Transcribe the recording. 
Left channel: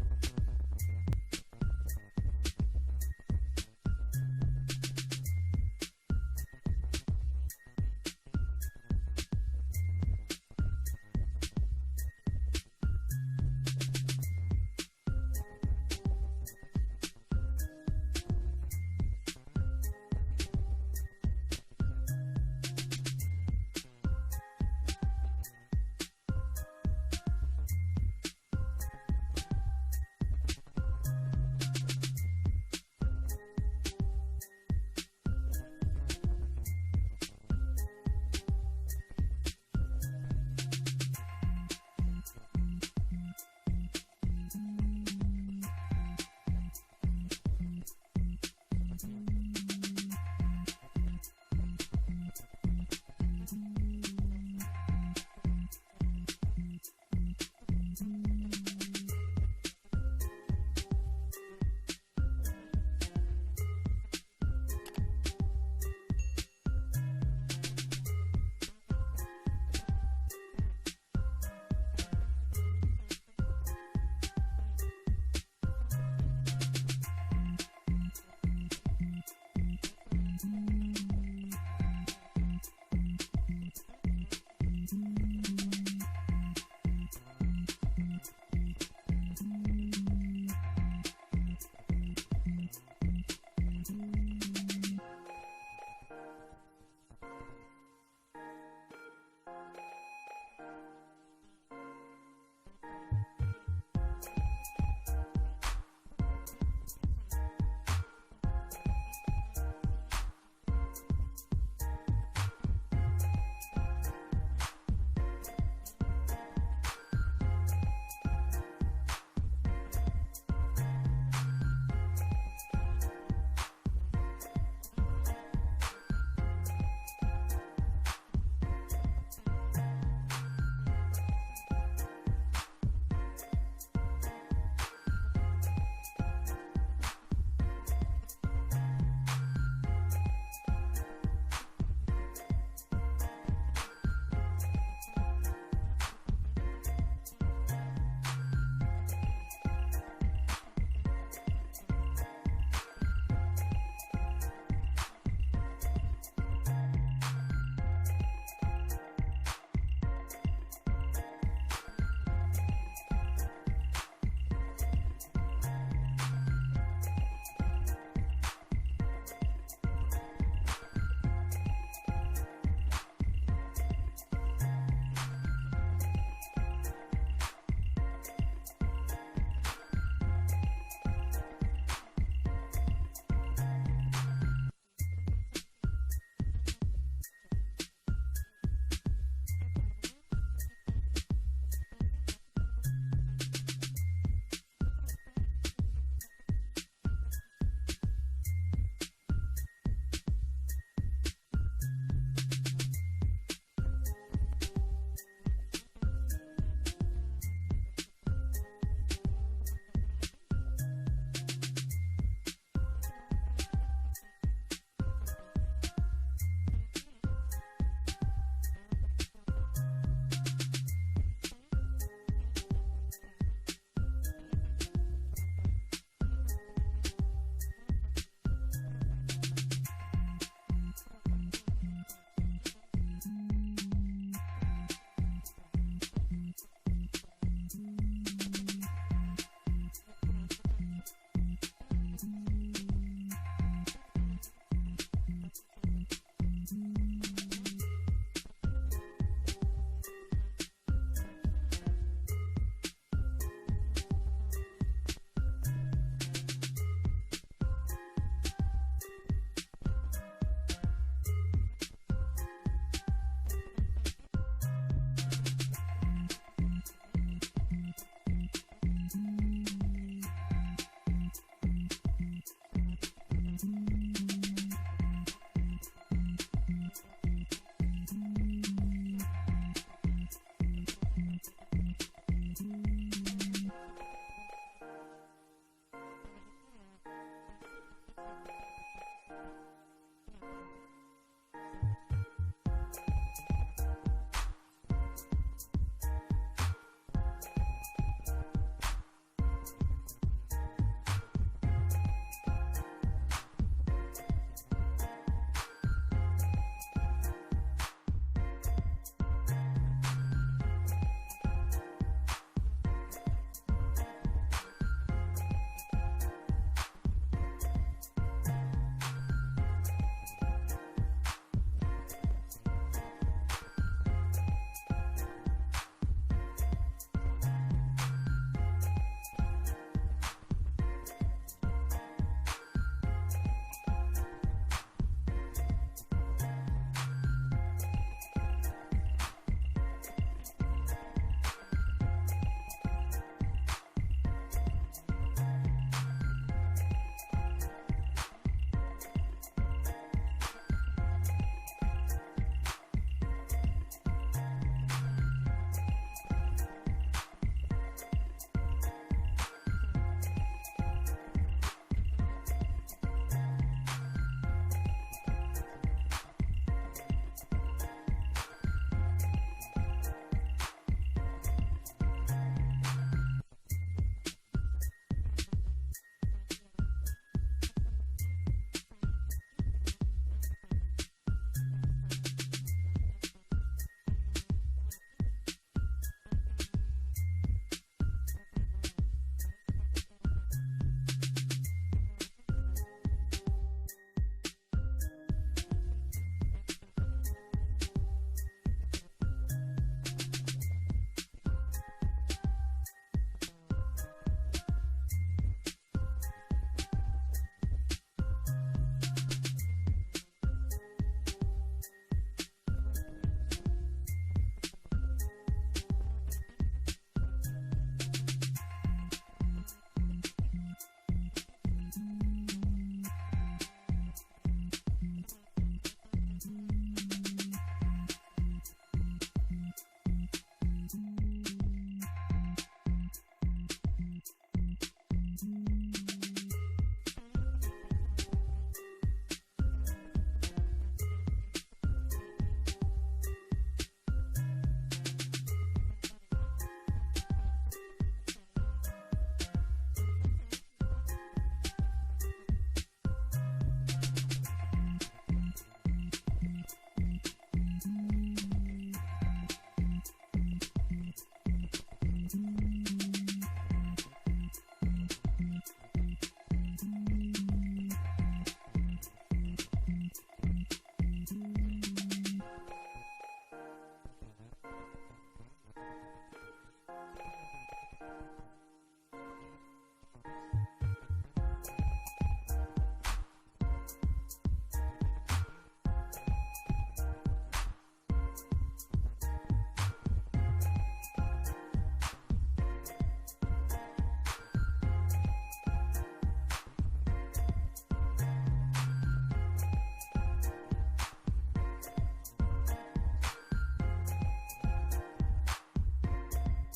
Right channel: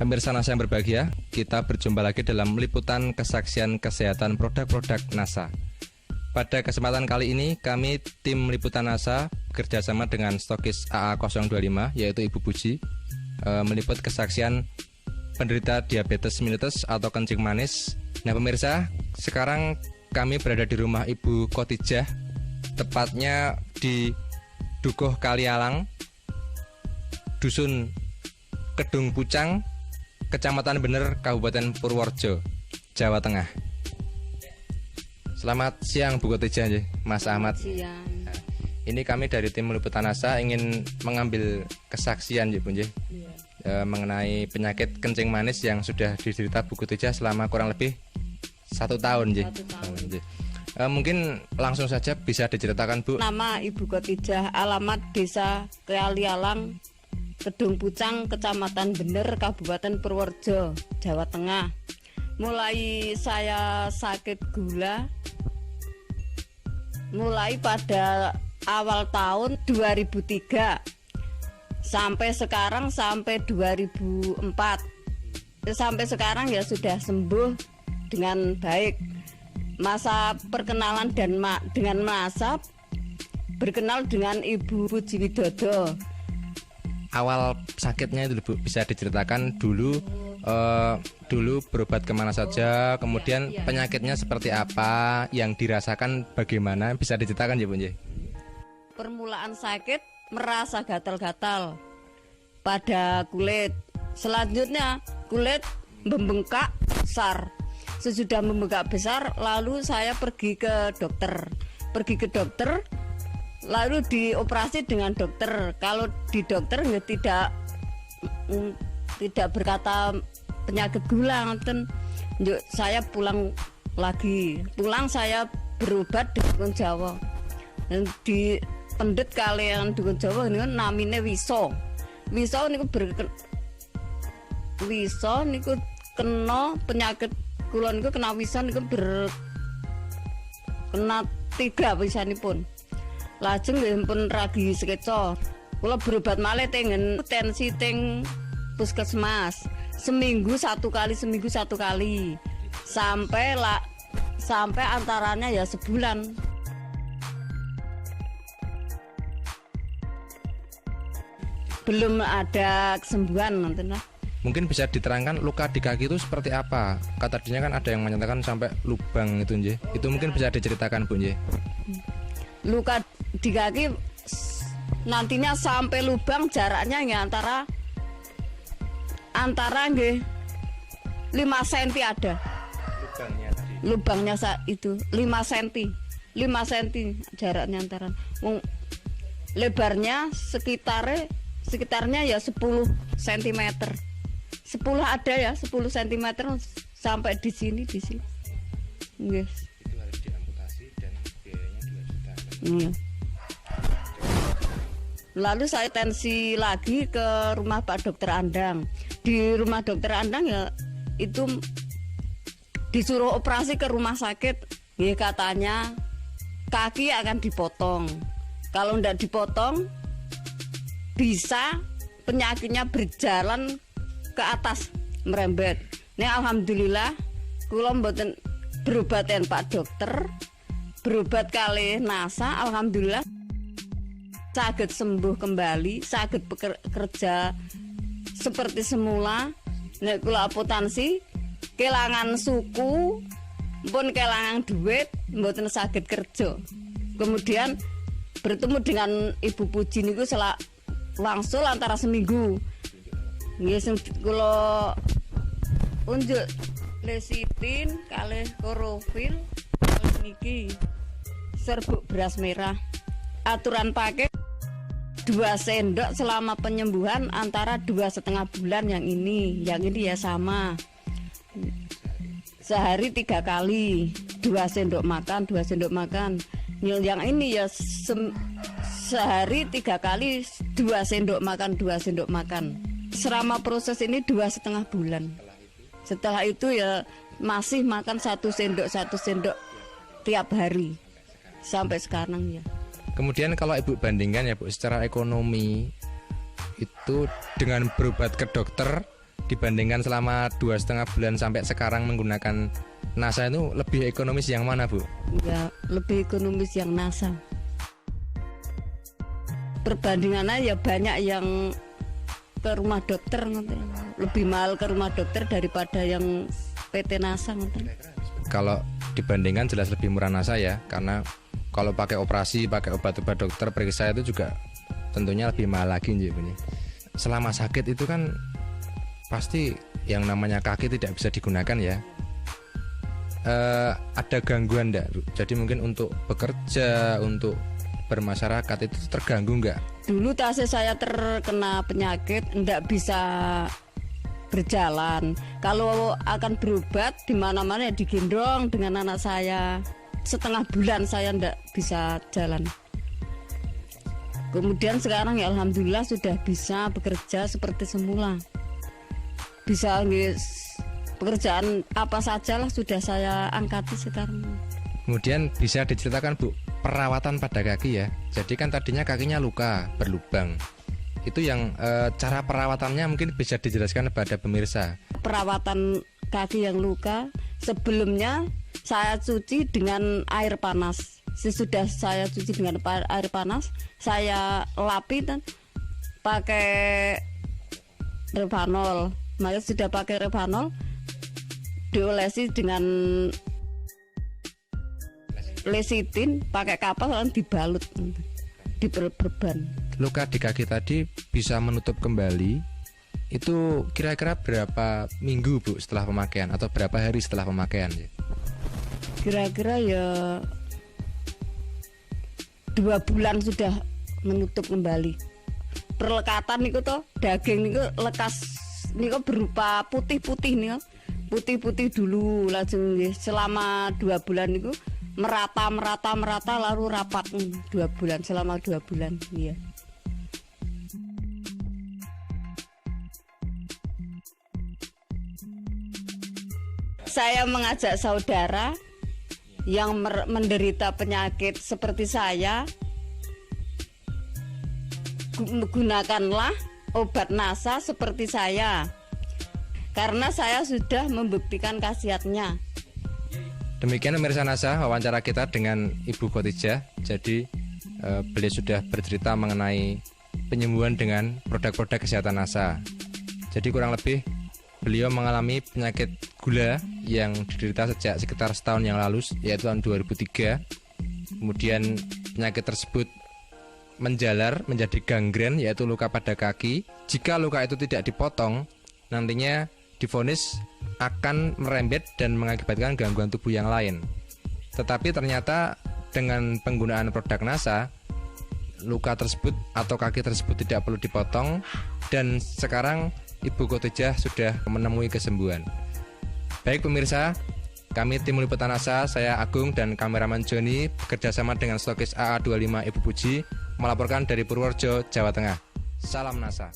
Pemirsa NASA yang berbahagia, kita berjumpa lagi dalam liputan kesaksian kesehatan produk-produk NASA. Pada kesempatan kali ini, kami tim liputan NASA bekerjasama dengan stokis AA025, yaitu Ibu Puji, meliput kesaksian penderita diabetes mellitus atau kencing manis. Nah pemirsa, sekarang kami berada di rumah Ibu Khotijah, tepatnya di Dukuh Kalialang, Dusun Kedung Pucang, Kecamatan Bener, Kabupaten Purworejo, Jawa Tengah. Selamat siang Bu Khotijah, Mas Ahmad. Siang. Ini kami dari tim liputan NASA ingin mengambil kesaksian Bu, mengenai penyakit kencing manis yang sudah diderita Bu Khotijah selama kurang lebih 1 tahun. 1 tahun. Mungkin langsung saja bisa diceritakan Bu. Nama Ibu Khotijah, alamat Desa Kalialang, Kedung Pucang, Kecamatan Bener, Kabupaten Purworejo, Jawa Tengah. Mulai saya sakit gula mulai pada awal tahun 2003 sampai sekarang, sampai 2004. Sampai sekarang ya sudah sembuh dengan baik. Masa perkenalan dan dengan masa berkenal dengan Ibu Puji Widodo. Awal sakitnya itu Bu, bisa diceritakan dulu berobat kemana saja, kemudian penyakitnya seperti apa, yang dirasakan bagaimana, bisa diceritakan ya Bu? Permulaan sakit merasa gatal-gatal pada kulit. Selanjutnya kulit membengkak besar. Sesudah membengkak besar, lalu saya pergi ke dokter. Lalu dioperasi dengan dokter. Kalau di dokter ya tidak berkata penyakit gula, saya pulang lagi. Pulang saya berobat di Dukun Jawa. Dan di pendet kalian Dukun Jawa ini namanya Wiso. Wiso niku kena penyakit kula niku kena wiso niku kena 3 wisanipun. Lajeng nggih pun ragi sekeca. Kula berobat malih tengen tensi teng puskesmas. Seminggu satu kali. Sampai antaranya ya sebulan. Belum ada kesembuhan nanti. Mungkin bisa diterangkan luka di kaki itu seperti apa? Kata tadinya kan ada yang menyatakan sampai lubang itu nje. Itu mungkin bisa diceritakan Bu nje. Luka di kaki nantinya sampai lubang jaraknya ya antara nggih 5 cm ada. Lubangnya itu 5 cm jaraknya antara. Lebarnya sekitarnya ya 10 cm. 10 ada ya, 10 cm sampai di sini. Nggih. Itu harus diamputasi dan biayanya 2 juta. Lalu saya tensi lagi ke rumah Pak Dokter Andang. Di rumah Dokter Andang ya itu disuruh operasi ke rumah sakit. Ya katanya kaki akan dipotong. Kalau tidak dipotong bisa penyakitnya berjalan ke atas merembet. Ini alhamdulillah kula mboten berobaten Pak Dokter. Berobat kali NASA alhamdulillah saged sembuh kembali, saged bekerja seperti semula. Nek kula apotansi kelangan suku pun kelangan duit mboten saged kerja. Kemudian bertemu dengan Ibu Puji niku wangsul antara seminggu. Nggih sing kula unjuk lesitin kalih klorofil niki serbuk beras merah. Aturan pakai 2 sendok selama penyembuhan antara 2,5 bulan. Yang ini ya sama. Sehari 3 kali, 2 sendok makan. Yang ini ya sehari 3 kali, 2 sendok makan. Selama proses ini 2,5 bulan. Setelah itu ya masih makan 1 sendok tiap hari sampai sekarang ya. Kemudian kalau Ibu bandingkan ya Bu, secara ekonomi itu dengan berobat ke dokter dibandingkan selama 2,5 bulan sampai sekarang menggunakan NASA itu lebih ekonomis yang mana, Bu? Ya, lebih ekonomis yang NASA. Perbandingannya ya banyak yang ke rumah dokter, lebih mahal ke rumah dokter daripada yang PT NASA. Kalau dibandingkan jelas lebih murah NASA ya, karena kalau pakai operasi, pakai obat-obat dokter periksa itu juga tentunya lebih mahal lagi. Selama sakit itu kan pasti yang namanya kaki tidak bisa digunakan ya. Ada gangguan enggak, Bu? Jadi mungkin untuk bekerja, untuk bermasyarakat itu terganggu enggak? Dulu saya terkena penyakit, enggak bisa berjalan. Kalau akan berobat di mana-mana ya digendong dengan anak saya. Setengah bulan saya enggak bisa jalan. Kemudian sekarang ya alhamdulillah sudah bisa bekerja seperti semula. Bisa pekerjaan apa sajalah sudah saya angkati sekarang. Kemudian bisa diceritakan, Bu, perawatan pada kaki ya. Jadi kan tadinya kakinya luka, berlubang. Itu yang cara perawatannya mungkin bisa dijelaskan kepada pemirsa. Perawatan kaki yang luka, sebelumnya saya cuci dengan air panas. Sesudah saya cuci dengan air panas, saya lapi dan pakai Revanol. Maka sudah pakai Revanol, diolesi dengan lesitin, pakai kapas lalu dibalut, diperban. Luka di kaki tadi bisa menutup kembali. Itu kira-kira berapa minggu, Bu, setelah pemakaian atau berapa hari setelah pemakaian? Kira-kira ya 2 bulan sudah menutup kembali. Perlekatan niku toh, daging niku lekas niku berupa putih-putih niku. Putih-putih dulu langsung selama 2 bulan niku merata lalu rapat 2 bulan, selama 2 bulan ya. Saya mengajak saudara yang menderita penyakit seperti saya, gunakanlah obat NASA seperti saya, karena saya sudah membuktikan khasiatnya. Demikian pemirsa NASA, wawancara kita dengan Ibu Khotijah. Jadi beliau sudah bercerita mengenai penyembuhan dengan produk-produk kesehatan NASA. Jadi kurang lebih beliau mengalami penyakit gula yang diderita sejak sekitar setahun yang lalu, yaitu tahun 2003. Kemudian penyakit tersebut menjalar menjadi gangren, yaitu luka pada kaki. Jika luka itu tidak dipotong, nantinya divonis akan merembet dan mengakibatkan gangguan tubuh yang lain. Tetapi ternyata dengan penggunaan produk NASA, luka tersebut atau kaki tersebut tidak perlu dipotong, dan sekarang Ibu Khotijah sudah menemui kesembuhan. Baik pemirsa, kami tim liputan NASA, saya Agung dan kameraman Joni bekerjasama dengan stokis AA25 Ibu Puji melaporkan dari Purworejo, Jawa Tengah. Salam NASA.